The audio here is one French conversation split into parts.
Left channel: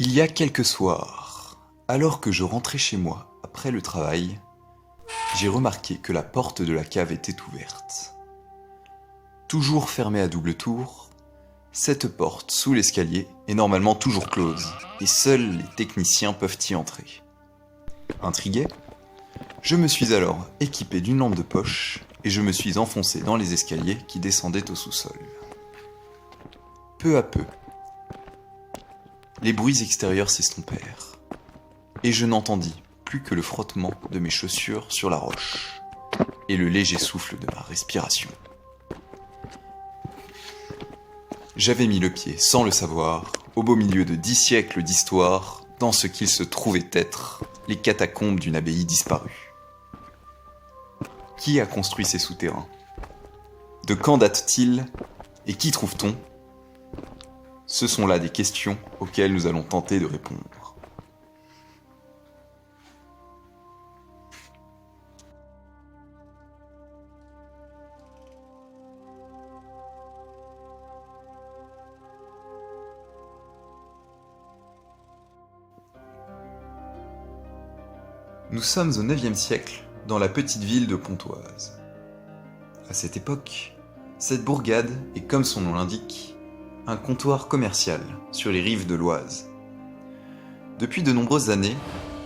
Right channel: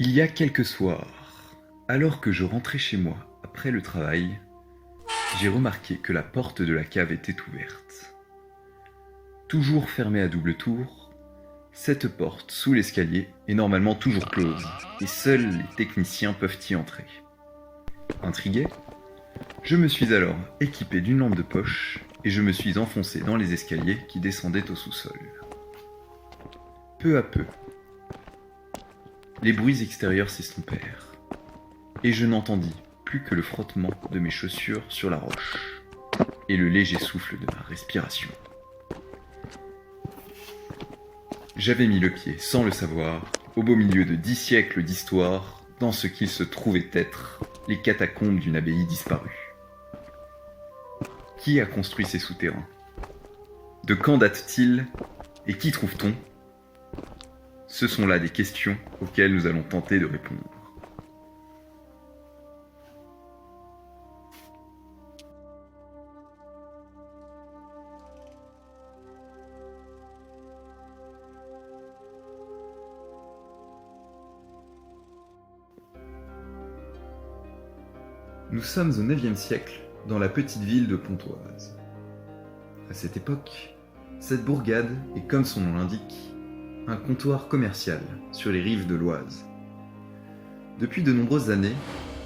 Il y a quelques soirs, alors que je rentrais chez moi après le travail, j'ai remarqué que la porte de la cave était ouverte. Toujours fermée à double tour, cette porte sous l'escalier est normalement toujours close et seuls les techniciens peuvent y entrer. Intrigué, je me suis alors équipé d'une lampe de poche et je me suis enfoncé dans les escaliers qui descendaient au sous-sol. Peu à peu, les bruits extérieurs s'estompèrent et je n'entendis plus que le frottement de mes chaussures sur la roche et le léger souffle de ma respiration. J'avais mis le pied, sans le savoir, au beau milieu de 10 siècles d'histoire, dans ce qu'il se trouvait être les catacombes d'une abbaye disparue. Qui a construit ces souterrains? De quand datent-ils? Et qui trouve-t-on? Ce sont là des questions auxquelles nous allons tenter de répondre. Nous sommes au IXe siècle, dans la petite ville de Pontoise. À cette époque, cette bourgade est, comme son nom l'indique, un comptoir commercial sur les rives de l'Oise. Depuis de nombreuses années,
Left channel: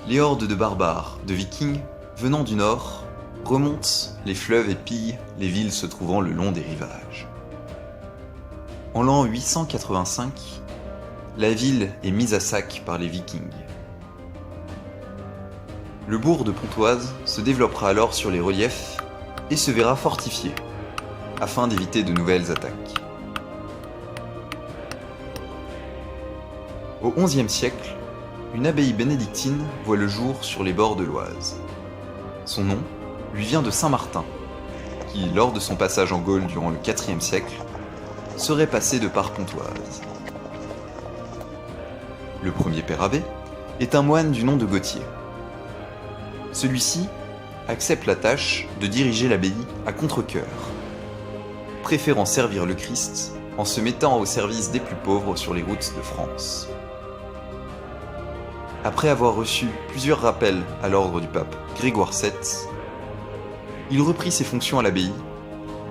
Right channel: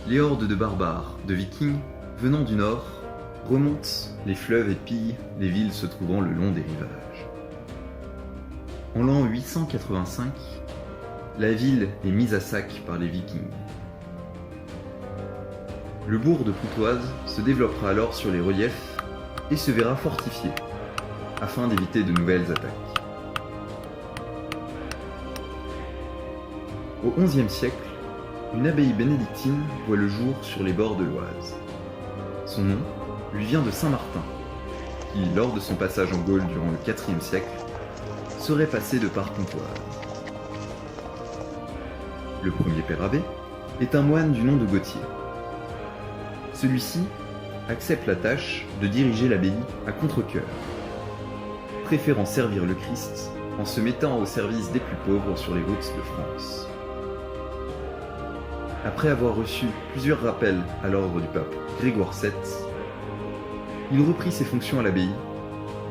les hordes de barbares, de vikings, venant du nord, remontent les fleuves et pillent les villes se trouvant le long des rivages. En l'an 885, la ville est mise à sac par les vikings. Le bourg de Pontoise se développera alors sur les reliefs et se verra fortifié, afin d'éviter de nouvelles attaques. Au XIe siècle, une abbaye bénédictine voit le jour sur les bords de l'Oise. Son nom lui vient de Saint Martin, qui, lors de son passage en Gaule durant le IVe siècle, serait passé de par Pontoise. Le premier père abbé est un moine du nom de Gauthier. Celui-ci accepte la tâche de diriger l'abbaye à contre-cœur, préférant servir le Christ en se mettant au service des plus pauvres sur les routes de France. Après avoir reçu plusieurs rappels à l'ordre du pape Grégoire VII, il reprit ses fonctions à l'abbaye,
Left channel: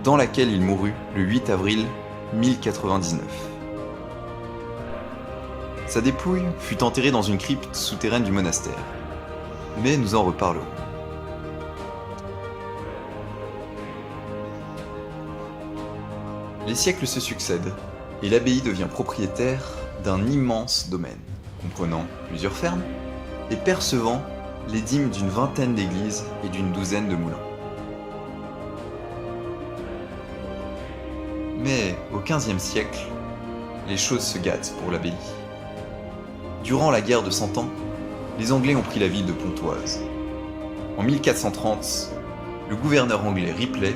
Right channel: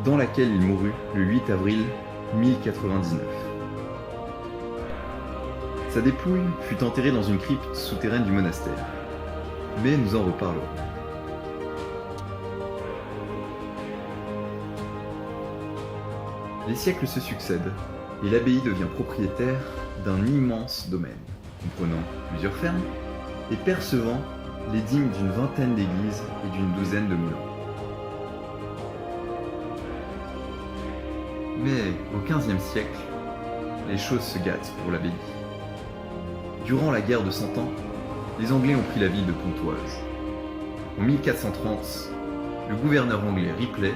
dans laquelle il mourut le 8 avril 1099. Sa dépouille fut enterrée dans une crypte souterraine du monastère, mais nous en reparlerons. Les siècles se succèdent et l'abbaye devient propriétaire d'un immense domaine, comprenant plusieurs fermes et percevant les dîmes d'une vingtaine d'églises et d'une douzaine de moulins. Mais au XVe siècle, les choses se gâtent pour l'abbaye. Durant la guerre de Cent Ans, les Anglais ont pris la ville de Pontoise. En 1430, le gouverneur anglais Ripley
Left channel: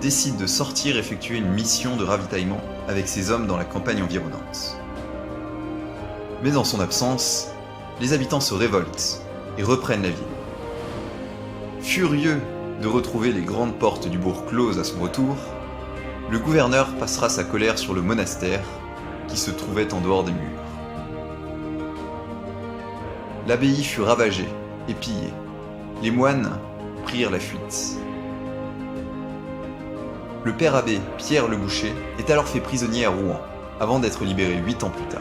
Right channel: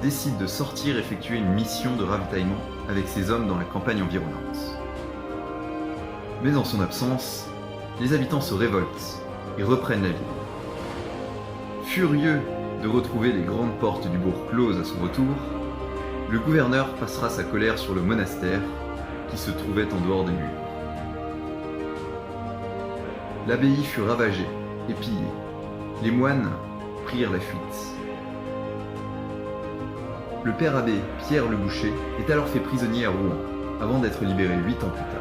décide de sortir effectuer une mission de ravitaillement avec ses hommes dans la campagne environnante. Mais en son absence, les habitants se révoltent et reprennent la ville. Furieux de retrouver les grandes portes du bourg closes à son retour, le gouverneur passera sa colère sur le monastère qui se trouvait en dehors des murs. L'abbaye fut ravagée et pillée. Les moines prirent la fuite. Le père abbé Pierre le Boucher est alors fait prisonnier à Rouen, avant d'être libéré 8 ans plus tard.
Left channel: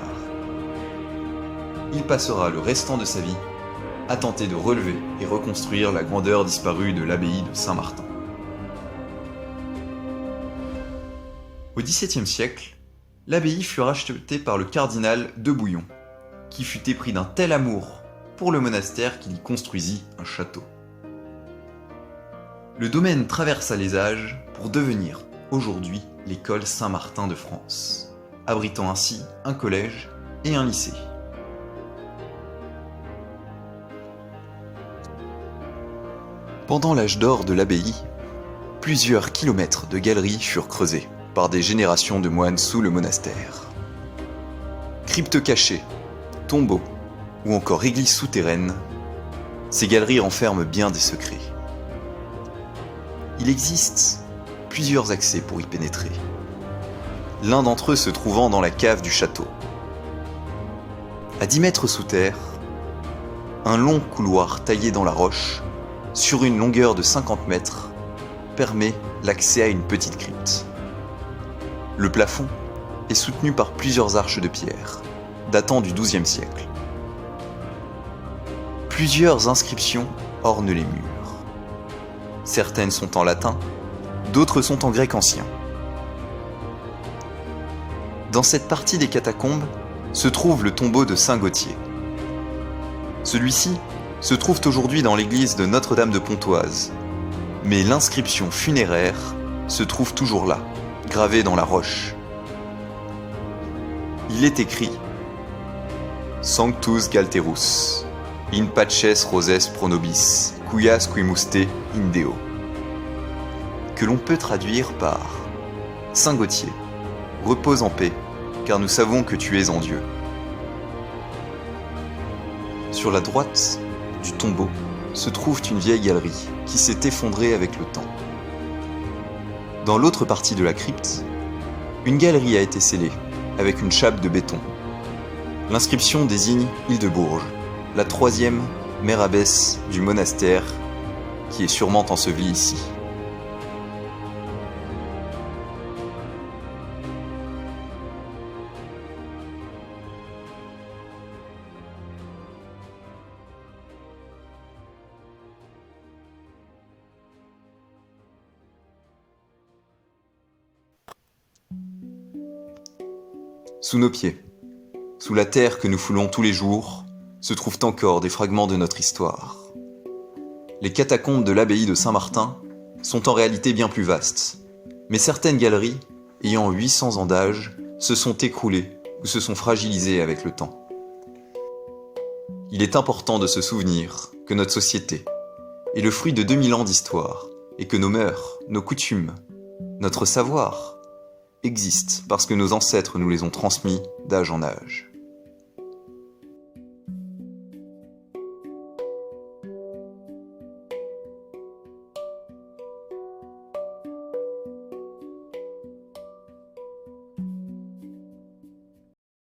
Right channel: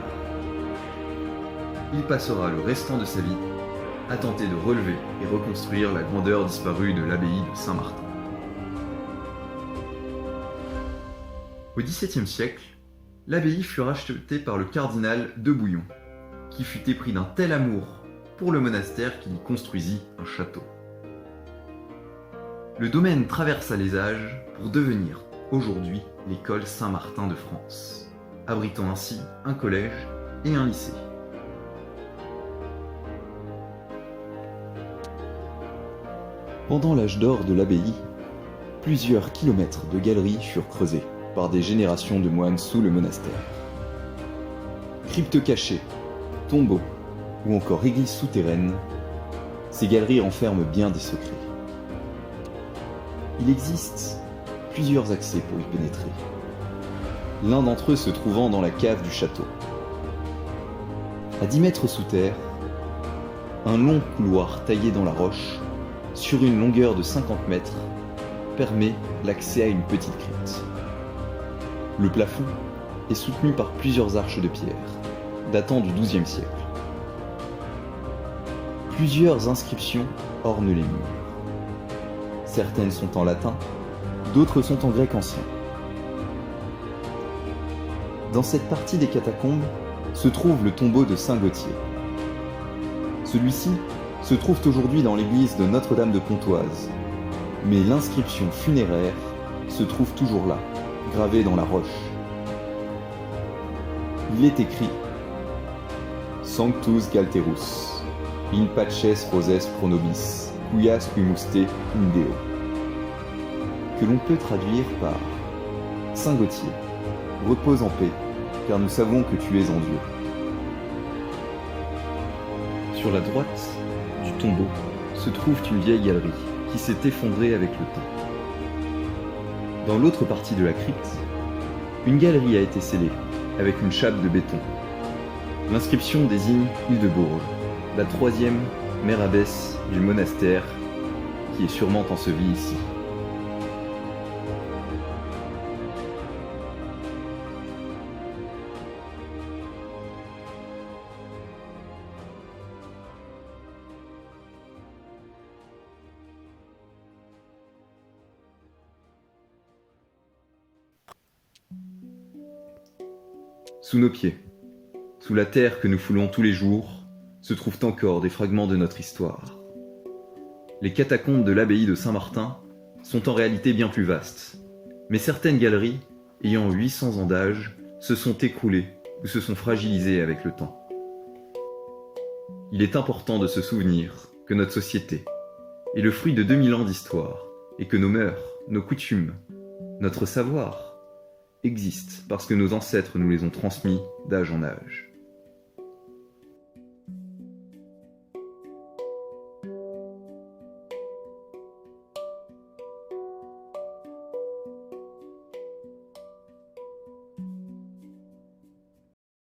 Il passera le restant de sa vie à tenter de relever et reconstruire la grandeur disparue de l'abbaye de Saint-Martin. Au XVIIe siècle, l'abbaye fut rachetée par le cardinal de Bouillon, qui fut épris d'un tel amour pour le monastère qu'il y construisit un château. Le domaine traversa les âges pour devenir aujourd'hui l'école Saint-Martin de France, abritant ainsi un collège et un lycée. Pendant l'âge d'or de l'abbaye, plusieurs kilomètres de galeries furent creusés par des générations de moines sous le monastère. Cryptes cachées, tombeaux ou encore églises souterraines, ces galeries renferment bien des secrets. Il existe plusieurs accès pour y pénétrer, l'un d'entre eux se trouvant dans la cave du château. À 10 mètres sous terre, un long couloir taillé dans la roche, sur une longueur de 50 mètres, permet l'accès à une petite crypte. Le plafond est soutenu par plusieurs arches de pierre, datant du XIIe siècle. Plusieurs inscriptions ornent les murs. Certaines sont en latin, d'autres sont en grec ancien. Dans cette partie des catacombes se trouve le tombeau de Saint Gauthier. Celui-ci se trouve aujourd'hui dans l'église de Notre-Dame de Pontoise, mais l'inscription funéraire se trouve toujours là, gravée dans la roche. Il est écrit « Sanctus Galterus, in paces roses pro nobis, cuias quimuste in Deo », que l'on peut traduire par « Saint Gauthier, repose en paix, car nous savons que tu es en Dieu ». Sur la droite du tombeau se trouve une vieille galerie qui s'est effondrée avec le temps. Dans l'autre partie de la crypte, une galerie a été scellée avec une chape de béton. L'inscription désigne Hildebourge, la 3e mère abbesse du monastère qui est sûrement ensevelie ici. Sous nos pieds, sous la terre que nous foulons tous les jours, se trouvent encore des fragments de notre histoire. Les catacombes de l'abbaye de Saint-Martin sont en réalité bien plus vastes, mais certaines galeries, ayant 800 ans d'âge, se sont écroulées ou se sont fragilisées avec le temps. Il est important de se souvenir que notre société est le fruit de 2000 ans d'histoire et que nos mœurs, nos coutumes, notre savoir existent parce que nos ancêtres nous les ont transmis d'âge en âge.